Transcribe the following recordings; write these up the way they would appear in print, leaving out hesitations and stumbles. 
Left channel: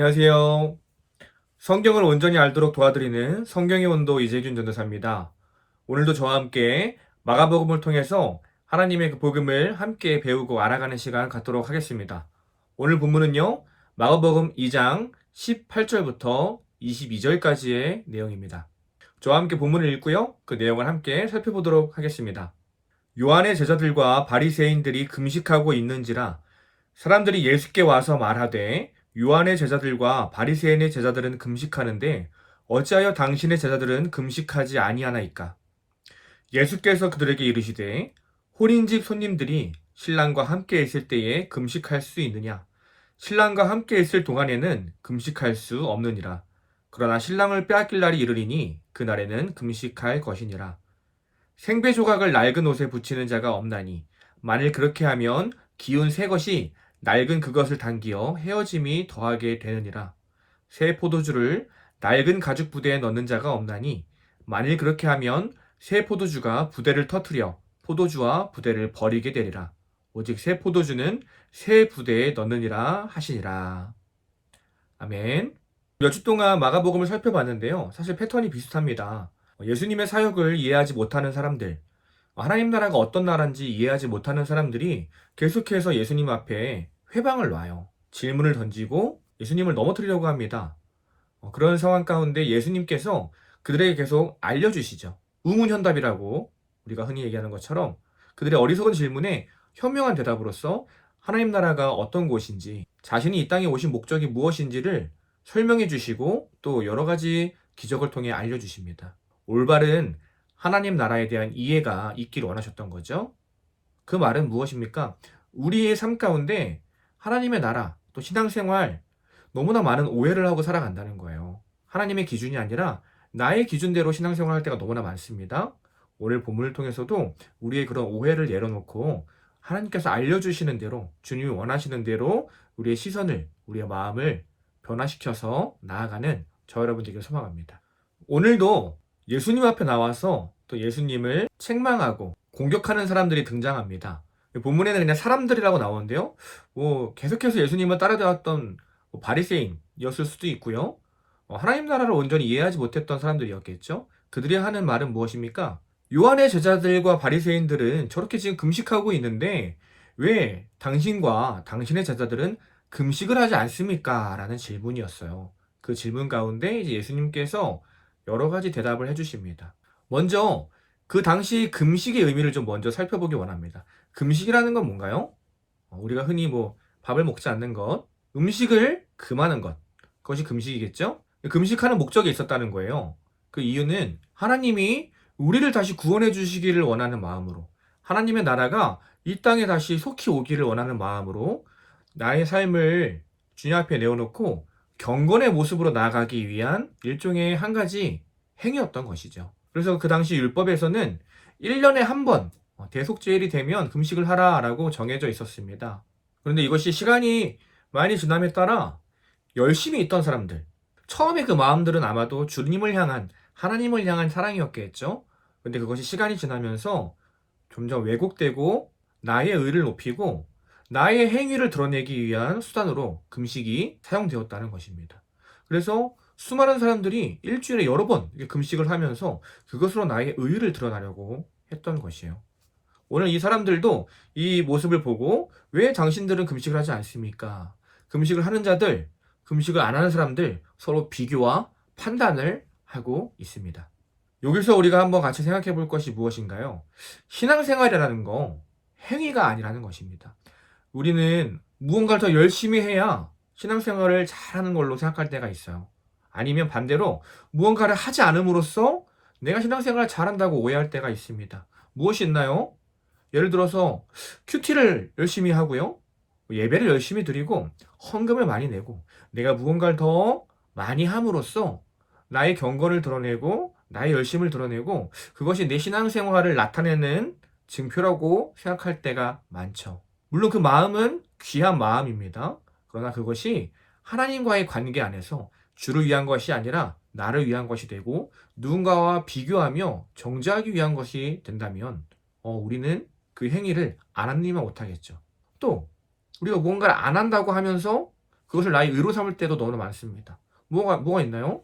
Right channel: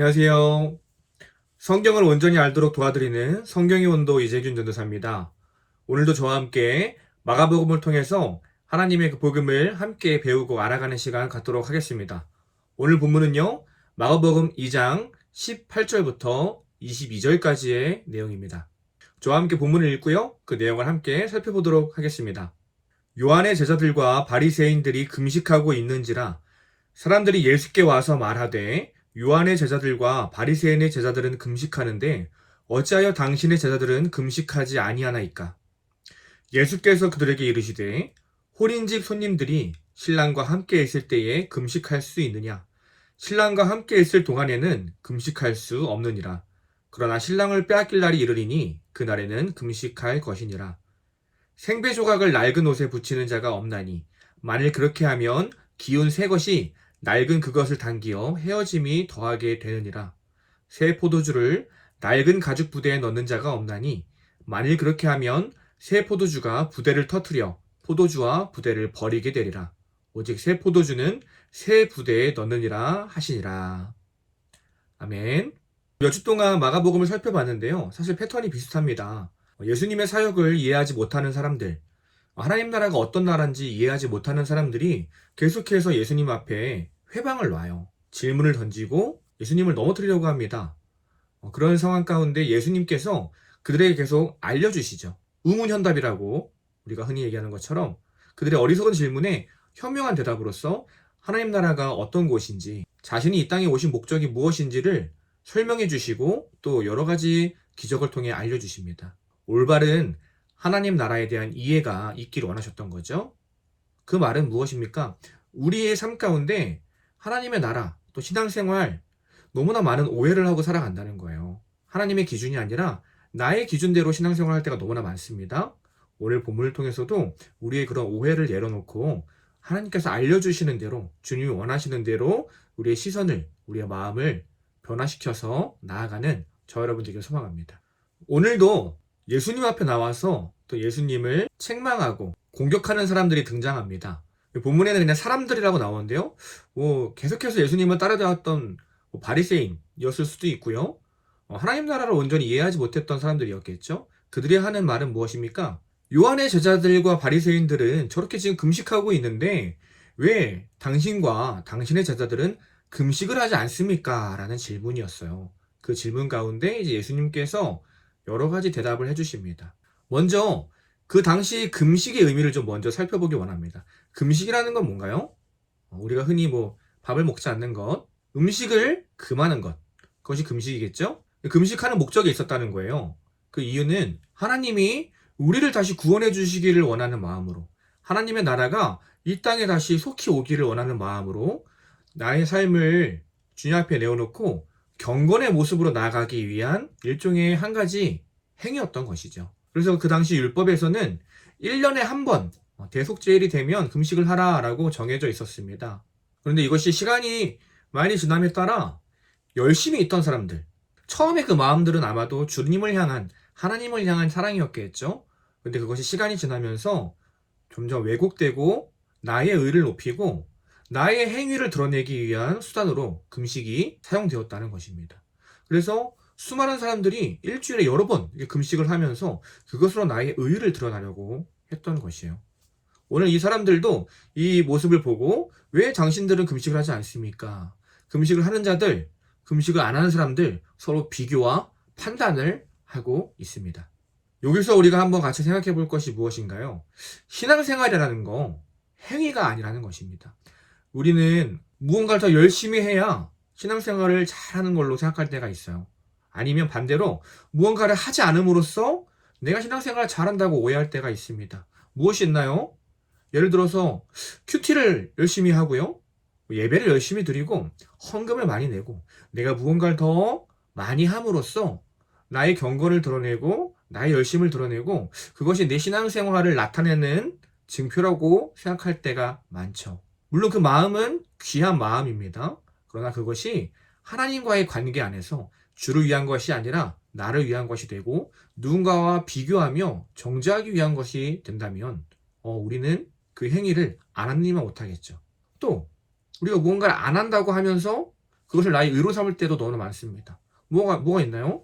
안녕하세요. 성경을 온전히 알도록 도와드리는 성경의 온도 이재균 전도사입니다. 오늘도 저와 함께 마가복음을 통해서 하나님의 그 복음을 함께 배우고 알아가는 시간 갖도록 하겠습니다. 오늘 본문은요, 마가복음 2장 18절부터 22절까지의 내용입니다. 저와 함께 본문을 읽고요, 그 내용을 함께 살펴보도록 하겠습니다. 요한의 제자들과 바리새인들이 금식하고 있는지라 사람들이 예수께 와서 말하되 요한의 제자들과 바리새인의 제자들은 금식하는데 어찌하여 당신의 제자들은 금식하지 아니하나이까? 예수께서 그들에게 이르시되 혼인집 손님들이 신랑과 함께 있을 때에 금식할 수 있느냐? 신랑과 함께 있을 동안에는 금식할 수 없느니라. 그러나 신랑을 빼앗길 날이 이르리니 그날에는 금식할 것이니라. 생배 조각을 낡은 옷에 붙이는 자가 없나니 만일 그렇게 하면 기운 새 것이 낡은 그것을 당기어 헤어짐이 더하게 되느니라. 새 포도주를 낡은 가죽 부대에 넣는 자가 없나니 만일 그렇게 하면 새 포도주가 부대를 터뜨려 포도주와 부대를 버리게 되리라. 오직 새 포도주는 새 부대에 넣느니라 하시니라. 아멘. 몇 주 동안 마가복음을 살펴봤는데요, 사실 패턴이 비슷합니다. 예수님의 사역을 이해하지 못하는 사람들, 하나님 나라가 어떤 나라인지 이해하지 못하는 사람들이 계속해서 예수님 앞에 회방을 놔요. 질문을 던지고 예수님을 넘어뜨리려고 합니다. 그런 상황 가운데 예수님께서 그들에게 계속 알려주시죠. 우문현답이라고 우리가 흔히 얘기하는 것처럼 그들의 어리석은 질문에 현명한 대답으로서 하나님 나라가 어떤 곳인지, 자신이 이 땅에 오신 목적이 무엇인지를 설명해 주시고 또 여러 가지 기적을 통해 알려주십니다. 올바른 하나님 나라에 대한 이해가 있기를 원하셨던 거죠. 그 말은 무엇입니까? 우리의 삶 가운데 하나님의 나라, 또 신앙생활, 너무나 많은 오해를 하고 살아간다는 거예요. 하나님의 기준이 아니라 나의 기준대로 신앙생활 할 때가 너무나 많습니다. 오늘 본문을 통해서도 우리의 그런 오해를 내려놓고 하나님께서 알려주시는 대로, 주님이 원하시는 대로 우리의 시선을, 우리의 마음을 변화시켜서 나아가는 저 여러분들에게 소망합니다. 오늘도 예수님 앞에 나와서 또 예수님을 책망하고 공격하는 사람들이 등장합니다. 본문에는 그냥 사람들이라고 나오는데요, 계속해서 예수님을 따라다녔던 바리새인이었을 수도 있고요, 하나님 나라를 온전히 이해하지 못했던 사람들이었겠죠. 그들이 하는 말은 무엇입니까? 요한의 제자들과 바리새인들은 저렇게 지금 금식하고 있는데 왜 당신과 당신의 제자들은 금식을 하지 않습니까? 라는 질문이었어요. 그 질문 가운데 이제 예수님께서 여러 가지 대답을 해주십니다. 먼저 그 당시 금식의 의미를 좀 먼저 살펴보기 원합니다. 금식이라는 건 뭔가요? 우리가 흔히 밥을 먹지 않는 것, 음식을 금하는 것, 그것이 금식이겠죠? 금식하는 목적이 있었다는 거예요. 그 이유는 하나님이 우리를 다시 구원해 주시기를 원하는 마음으로, 하나님의 나라가 이 땅에 다시 속히 오기를 원하는 마음으로 나의 삶을 주님 앞에 내어놓고 경건의 모습으로 나아가기 위한 일종의 한 가지 행위였던 것이죠. 그래서 그 당시 율법에서는 1년에 한 번 대속죄일이 되면 금식을 하라라고 정해져 있었습니다. 그런데 이것이 시간이 많이 지남에 따라 열심히 있던 사람들, 처음에 그 마음들은 아마도 주님을 향한, 하나님을 향한 사랑이었겠죠. 그런데 그것이 시간이 지나면서 점점 왜곡되고 나의 의를 높이고 나의 행위를 드러내기 위한 수단으로 금식이 사용되었다는 것입니다. 그래서 수많은 사람들이 일주일에 여러 번 금식을 하면서 그것으로 나의 의의를 드러나려고 했던 것이에요. 오늘 이 사람들도 이 모습을 보고 왜 당신들은 금식을 하지 않습니까? 금식을 하는 자들, 금식을 안 하는 사람들 서로 비교와 판단을 하고 있습니다. 여기서 우리가 한번 같이 생각해 볼 것이 무엇인가요? 신앙생활이라는 거 행위가 아니라는 것입니다. 우리는 무언가를 더 열심히 해야 신앙생활을 잘하는 걸로 생각할 때가 있어요. 아니면 반대로 무언가를 하지 않음으로써 내가 신앙생활을 잘한다고 오해할 때가 있습니다. 무엇이 있나요? 예를 들어서 큐티를 열심히 하고요, 예배를 열심히 드리고 헌금을 많이 내고 내가 무언가를 더 많이 함으로써 나의 경건을 드러내고 나의 열심을 드러내고 그것이 내 신앙생활을 나타내는 증표라고 생각할 때가 많죠. 물론 그 마음은 귀한 마음입니다. 그러나 그것이 하나님과의 관계 안에서 주를 위한 것이 아니라 나를 위한 것이 되고 누군가와 비교하며 정죄하기 위한 것이 된다면 우리는 그 행위를 안 하면 못하겠죠. 또 우리가 무언가를 안 한다고 하면서 그것을 나의 의로 삼을 때도 너무나 많습니다. 뭐가 있나요?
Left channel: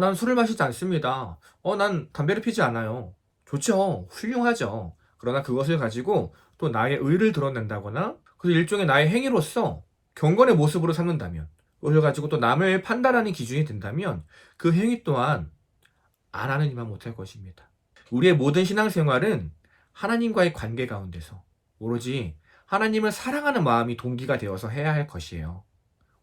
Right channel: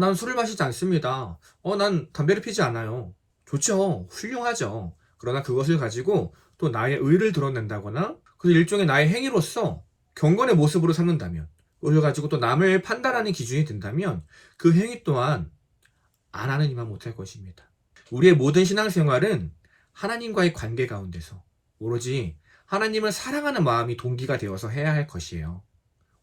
난 술을 마시지 않습니다. 난 담배를 피지 않아요. 좋죠. 훌륭하죠. 그러나 그것을 가지고 또 나의 의를 드러낸다거나 그 일종의 나의 행위로서 경건의 모습으로 삼는다면, 그걸 가지고 또 남을 판단하는 기준이 된다면 그 행위 또한 안 하는 이만 못할 것입니다. 우리의 모든 신앙생활은 하나님과의 관계 가운데서 오로지 하나님을 사랑하는 마음이 동기가 되어서 해야 할 것이에요.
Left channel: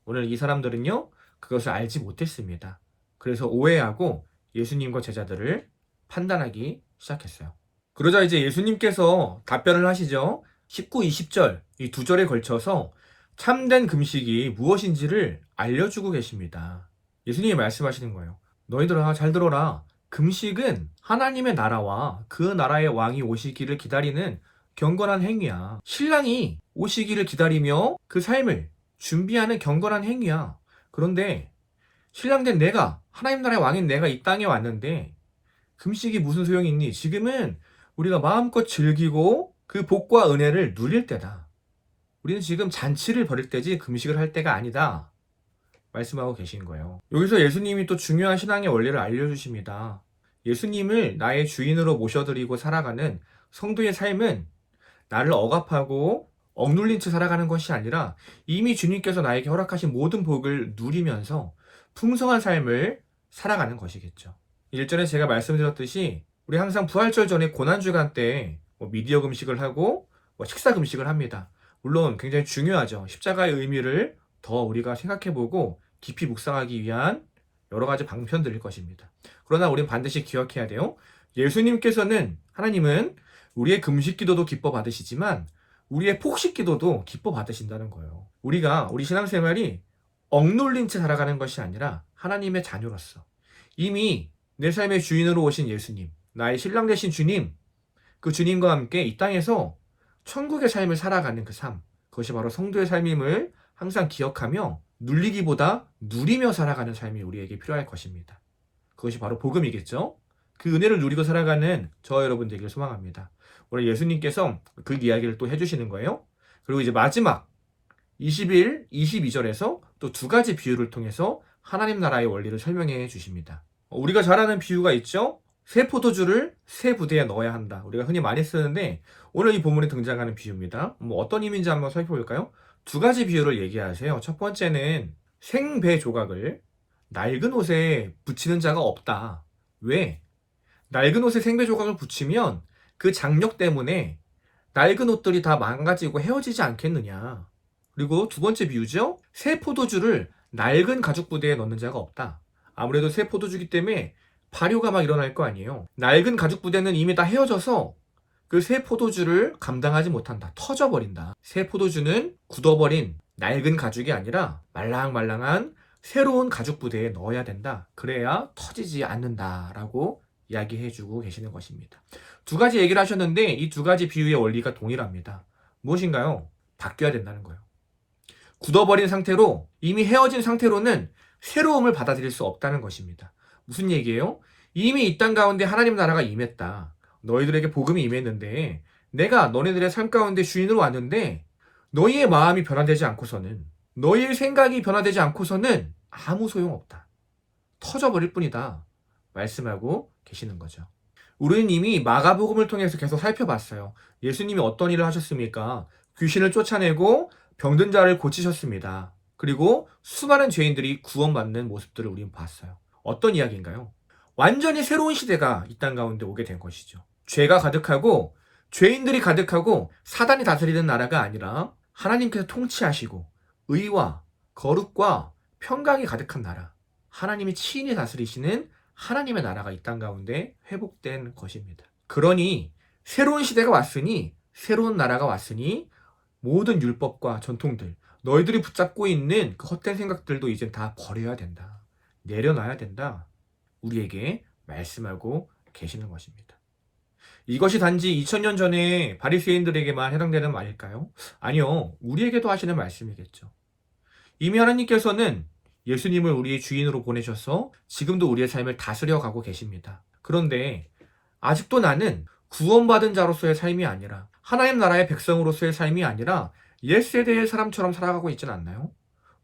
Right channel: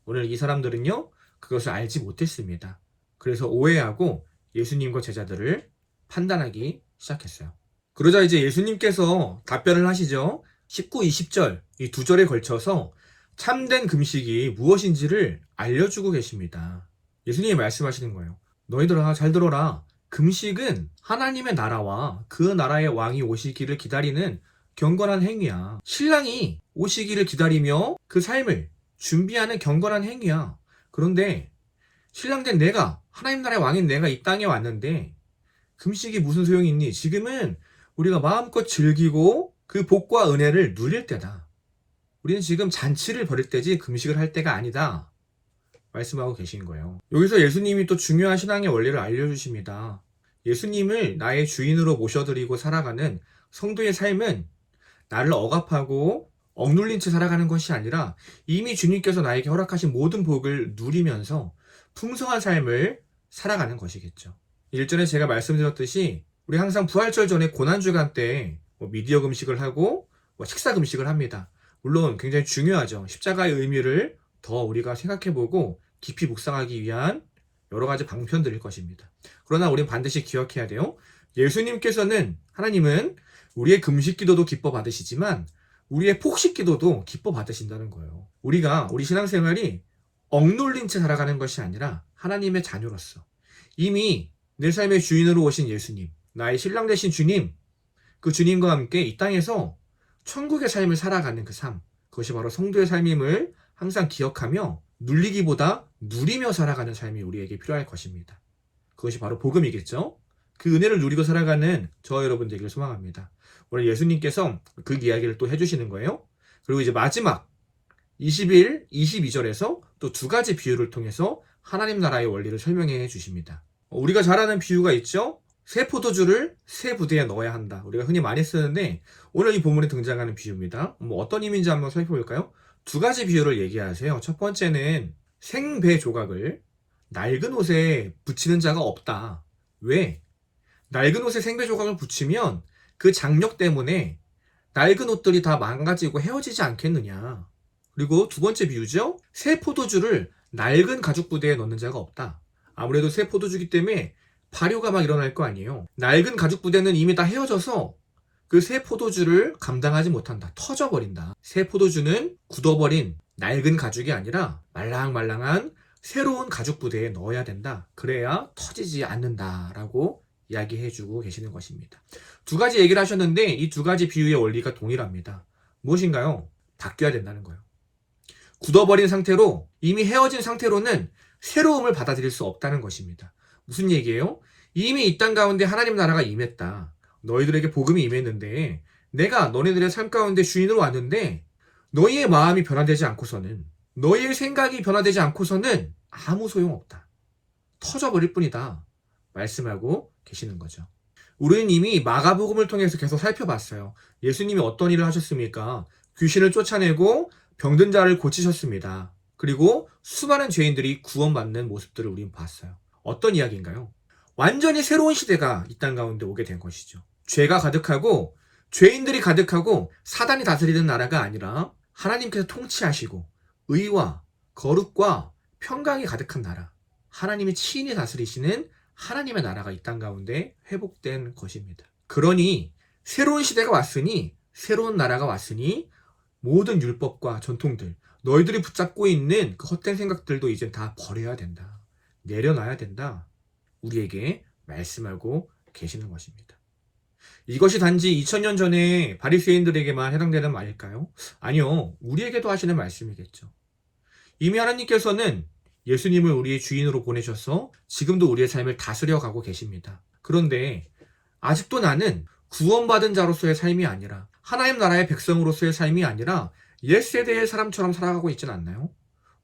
오늘 이 사람들은요, 그것을 알지 못했습니다. 그래서 오해하고 예수님과 제자들을 판단하기 시작했어요. 그러자 이제 예수님께서 답변을 하시죠. 19, 20절 이 두 절에 걸쳐서 참된 금식이 무엇인지를 알려주고 계십니다. 예수님이 말씀하시는 거예요. 너희들아 잘 들어라. 금식은 하나님의 나라와 그 나라의 왕이 오시기를 기다리는 경건한 행위야. 신랑이 오시기를 기다리며 그 삶을 준비하는 경건한 행위야. 그런데 신랑된 내가, 하나님 나라의 왕인 내가 이 땅에 왔는데 금식이 무슨 소용이 있니? 지금은 우리가 마음껏 즐기고 그 복과 은혜를 누릴 때다. 우리는 지금 잔치를 벌일 때지 금식을 할 때가 아니다. 말씀하고 계신 거예요. 여기서 예수님이 또 중요한 신앙의 원리를 알려주십니다. 예수님을 나의 주인으로 모셔드리고 살아가는 성도의 삶은 나를 억압하고 억눌린 채 살아가는 것이 아니라 이미 주님께서 나에게 허락하신 모든 복을 누리면서 풍성한 삶을 살아가는 것이겠죠. 일전에 제가 말씀드렸듯이 우리 항상 부활절 전에 고난주간 때 미디어 금식을 하고 식사 금식을 합니다. 물론 굉장히 중요하죠. 십자가의 의미를 더 우리가 생각해보고 깊이 묵상하기 위한 여러 가지 방편들일 것입니다. 그러나 우린 반드시 기억해야 돼요. 예수님께서는, 하나님은 우리의 금식 기도도 기뻐 받으시지만 우리의 폭식 기도도 기뻐 받으신다는 거예요. 우리 신앙생활이 억눌린 채 살아가는 것이 아니라 하나님의 자녀로서 이미 내 삶의 주인으로 오신 예수님, 나의 신랑 되신 주님, 그 주님과 함께 이 땅에서 천국의 삶을 살아가는 그 삶, 그것이 바로 성도의 삶임을 항상 기억하며 눌리기보다 누리며 살아가는 삶이 우리에게 필요할 것입니다. 그것이 바로 복음이겠죠? 그 은혜를 누리고 살아가는 저와 여러분 되기를 소망합니다. 오늘 예수님께서 그 이야기를 또 해주시는 거예요. 그리고 이제 마지막 21, 22절에서 또 두 가지 비유를 통해서 하나님 나라의 원리를 설명해 주십니다. 우리가 잘 아는 비유가 있죠? 새 포도주를 새 부대에 넣어야 한다. 우리가 흔히 많이 쓰는데 오늘 이 본문에 등장하는 비유입니다. 어떤 의미인지 한번 살펴볼까요? 두 가지 비유를 얘기하세요. 첫 번째는 생배 조각을 낡은 옷에 붙이는 자가 없다. 왜? 낡은 옷에 생배 조각을 붙이면 그 장력 때문에 낡은 옷들이 다 망가지고 헤어지지 않겠느냐. 그리고 두 번째 비유죠. 새 포도주를 낡은 가죽 부대에 넣는 자가 없다. 아무래도 새 포도주기 때문에 발효가 막 일어날 거 아니에요. 낡은 가죽 부대는 이미 다 헤어져서 그 새 포도주를 감당하지 못한다. 터져버린다. 새 포도주는 굳어버린 낡은 가죽이 아니라 말랑말랑한 새로운 가죽 부대에 넣어야 된다. 그래야 터지지 않는다라고 이야기해주고 계시는 것입니다. 두 가지 얘기를 하셨는데 이 두 가지 비유의 원리가 동일합니다. 무엇인가요? 바뀌어야 된다는 거예요. 굳어버린 상태로, 이미 헤어진 상태로는 새로움을 받아들일 수 없다는 것입니다. 무슨 얘기예요? 이미 이 땅 가운데 하나님 나라가 임했다. 너희들에게 복음이 임했는데 내가 너네들의 삶 가운데 주인으로 왔는데 너희의 마음이 변화되지 않고서는, 너희의 생각이 변화되지 않고서는 아무 소용없다. 터져버릴 뿐이다. 말씀하고 계시는 거죠. 우리는 이미 마가복음을 통해서 계속 살펴봤어요. 예수님이 어떤 일을 하셨습니까? 귀신을 쫓아내고 병든 자를 고치셨습니다. 그리고 수많은 죄인들이 구원받는 모습들을 우린 봤어요. 어떤 이야기인가요? 완전히 새로운 시대가 이 땅 가운데 오게 된 것이죠. 죄가 가득하고 죄인들이 가득하고 사단이 다스리는 나라가 아니라 하나님께서 통치하시고 의와 거룩과 평강이 가득한 나라, 하나님이 친히 다스리시는 하나님의 나라가 이 땅 가운데 회복된 것입니다. 그러니 새로운 시대가 왔으니, 새로운 나라가 왔으니 모든 율법과 전통들, 너희들이 붙잡고 있는 그 헛된 생각들도 이제 다 버려야 된다. 내려놔야 된다. 우리에게 말씀하고 계시는 것입니다. 이것이 단지 2000년 전에 바리새인들에게만 해당되는 말일까요? 아니요. 우리에게도 하시는 말씀이겠죠. 이미 하나님께서는 예수님을 우리의 주인으로 보내셔서 지금도 우리의 삶을 다스려가고 계십니다. 그런데 아직도 나는 구원받은 자로서의 삶이 아니라, 하나님 나라의 백성으로서의 삶이 아니라 옛세대의 사람처럼 살아가고 있지는 않나요?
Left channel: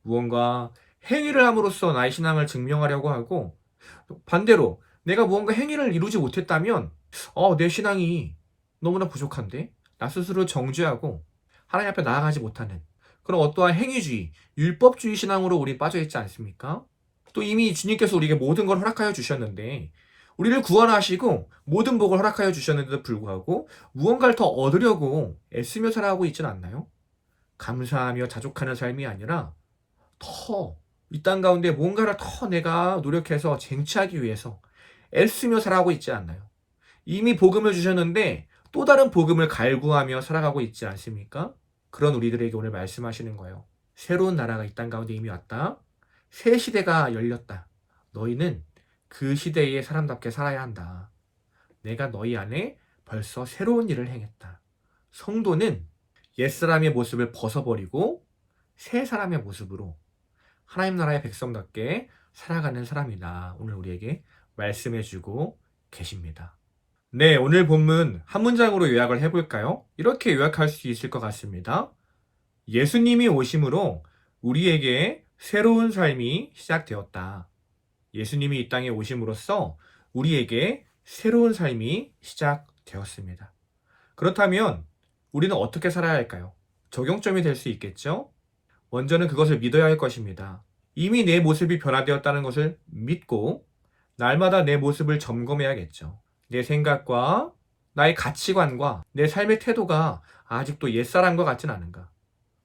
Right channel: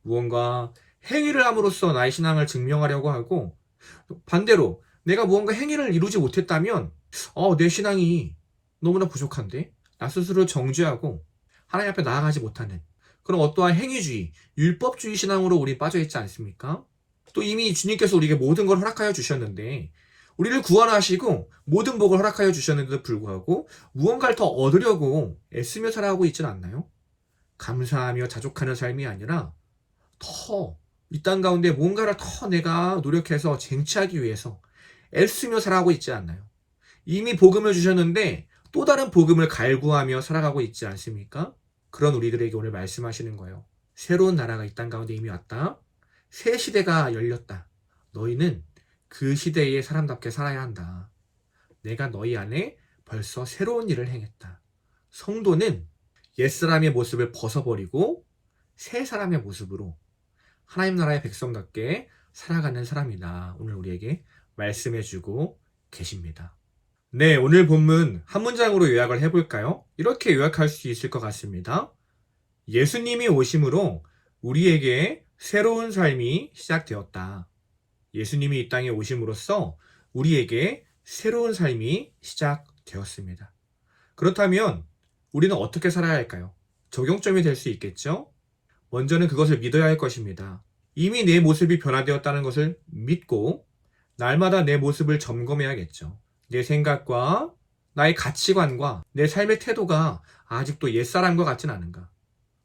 무언가 행위를 함으로써 나의 신앙을 증명하려고 하고, 반대로 내가 무언가 행위를 이루지 못했다면 내 신앙이 너무나 부족한데, 나 스스로 정죄하고 하나님 앞에 나아가지 못하는 그런 어떠한 행위주의, 율법주의 신앙으로 우리 빠져있지 않습니까? 또 이미 주님께서 우리에게 모든 걸 허락하여 주셨는데, 우리를 구원하시고 모든 복을 허락하여 주셨는데도 불구하고 무언가를 더 얻으려고 애쓰며 살아가고 있지는 않나요? 감사하며 자족하는 삶이 아니라 더 이 땅 가운데 뭔가를 더 내가 노력해서 쟁취하기 위해서 애쓰며 살아가고 있지 않나요? 이미 복음을 주셨는데 또 다른 복음을 갈구하며 살아가고 있지 않습니까? 그런 우리들에게 오늘 말씀하시는 거예요. 새로운 나라가 이 땅 가운데 이미 왔다. 새 시대가 열렸다. 너희는 그 시대의 사람답게 살아야 한다. 내가 너희 안에 벌써 새로운 일을 행했다. 성도는 옛사람의 모습을 벗어버리고 새 사람의 모습으로 하나님 나라의 백성답게 살아가는 사람이다. 오늘 우리에게 말씀해주고 계십니다. 네, 오늘 본문 한 문장으로 요약을 해볼까요? 이렇게 요약할 수 있을 것 같습니다. 예수님이 오심으로 우리에게 새로운 삶이 시작되었다. 예수님이 이 땅에 오심으로써 우리에게 새로운 삶이 시작되었습니다. 그렇다면 우리는 어떻게 살아야 할까요? 적용점이 될 수 있겠죠? 먼저는 그것을 믿어야 할 것입니다. 이미 내 모습이 변화되었다는 것을 믿고 날마다 내 모습을 점검해야겠죠. 내 생각과 나의 가치관과 내 삶의 태도가 아직도 옛사람과 같진 않은가?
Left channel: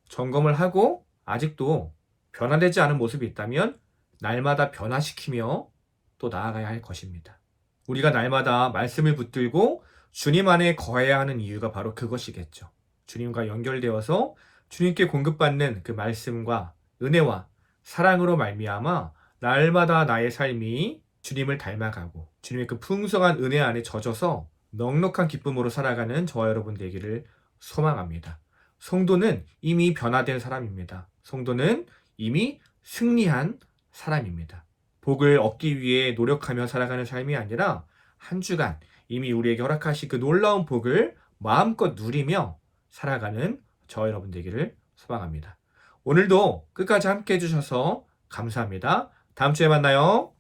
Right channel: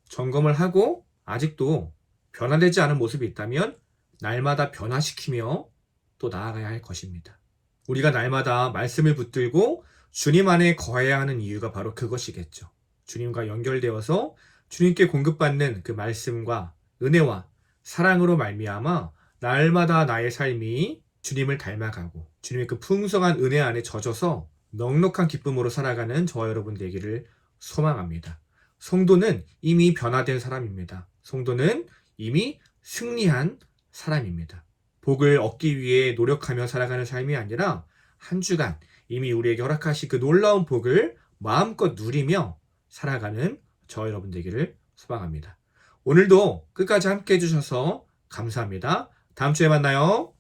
점검을 하고 아직도 변화되지 않은 모습이 있다면 날마다 변화시키며 또 나아가야 할 것입니다. 우리가 날마다 말씀을 붙들고 주님 안에 거해야 하는 이유가 바로 그것이겠죠. 주님과 연결되어서 주님께 공급받는 그 말씀과 은혜와 사랑으로 말미암아 날마다 나의 삶이 주님을 닮아가고 주님의 그 풍성한 은혜 안에 젖어서 넉넉한 기쁨으로 살아가는 저와 여러분 되기를 소망합니다. 성도는 이미 변화된 사람입니다. 성도는 이미 승리한 사람입니다. 복을 얻기 위해 노력하며 살아가는 삶이 아니라 한 주간 이미 우리에게 허락하신 그 놀라운 복을 마음껏 누리며 살아가는 저와 여러분 되기를 소망합니다. 오늘도 끝까지 함께 해주셔서 감사합니다. 다음 주에 만나요.